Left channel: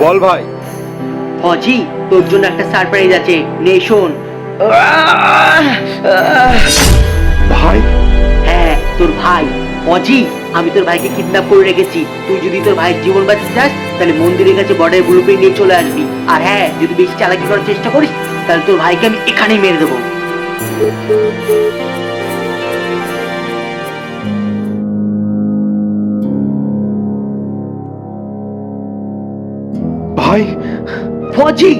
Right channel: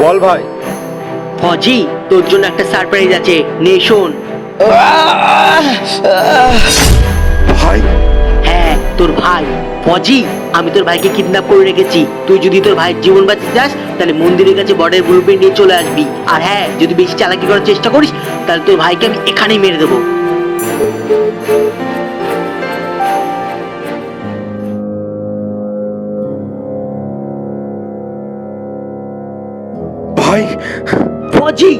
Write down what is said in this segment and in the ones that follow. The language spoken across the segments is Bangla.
বল ভাই। ফজি তোর জন্য একটা সারপ্রাইজ আছে। নে শোন। ভাই? হ্যাঁ তোর ভাই। ফজি আমি তোর ভাইকে কিডন্যাপ করে রেখেছি। তুই যদি তোর ভাইয়ের জীবন বাঁচাতে চাস তাহলে মন্দিরের কাছে বর্ডার গ্রুপে নিয়ে চলে আসবি। আর হ্যাঁ যদি বেশি চালাকি করার চেষ্টা করিস তাহলে তোর ভাইকে আমি এখানেই মেরে দেবো। ভাই ফজি!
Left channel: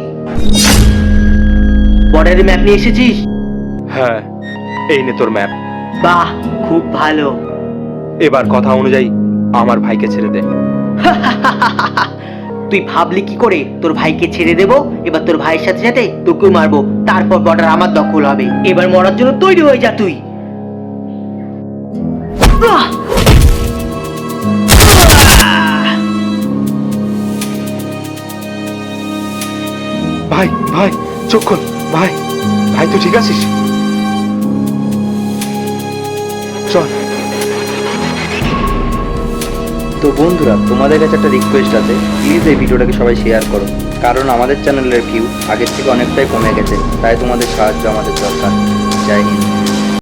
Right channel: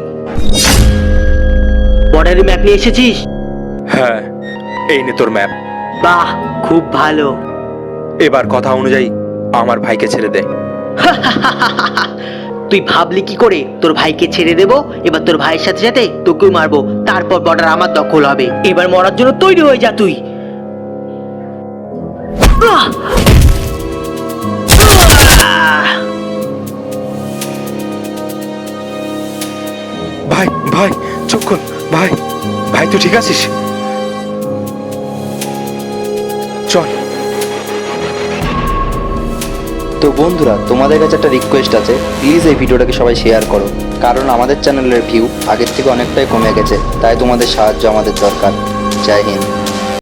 বর্ডারের ম্যাপ নিয়ে এসেছিস? হ্যাঁ এই নে তোর ম্যাপ বাহ খুব ভালো। এবার কথা অনুযায়ী আমার ভাইকে ছেড়ে দে। তুই ভাবলি কি করে? তোর ভাইকে ছেড়ে দেবো এবার তোর ভাইয়ের সাথে সাথে তোকেও মারবো। তারপর বর্ডার আমার দখল হবে। এবার মরার জন্য তৈরি হয়ে যা তুই। ভাই ভাই, চোখ ভাই ভাই, তুই ঠিক আছিস? চল। তো বন্ধুরা, তোমাদের কাছে একটা রিকোয়েস্ট আছে। প্লিজ এই ভিডিওটাকে সবাই শেয়ার করো। কারণ আমাদের চ্যানেলের ভিউ আগের থেকে অনেকটাই কমে গেছে, তাই তোমাদের সাহায্য আমাদের দরকার। জয় হিন্দ।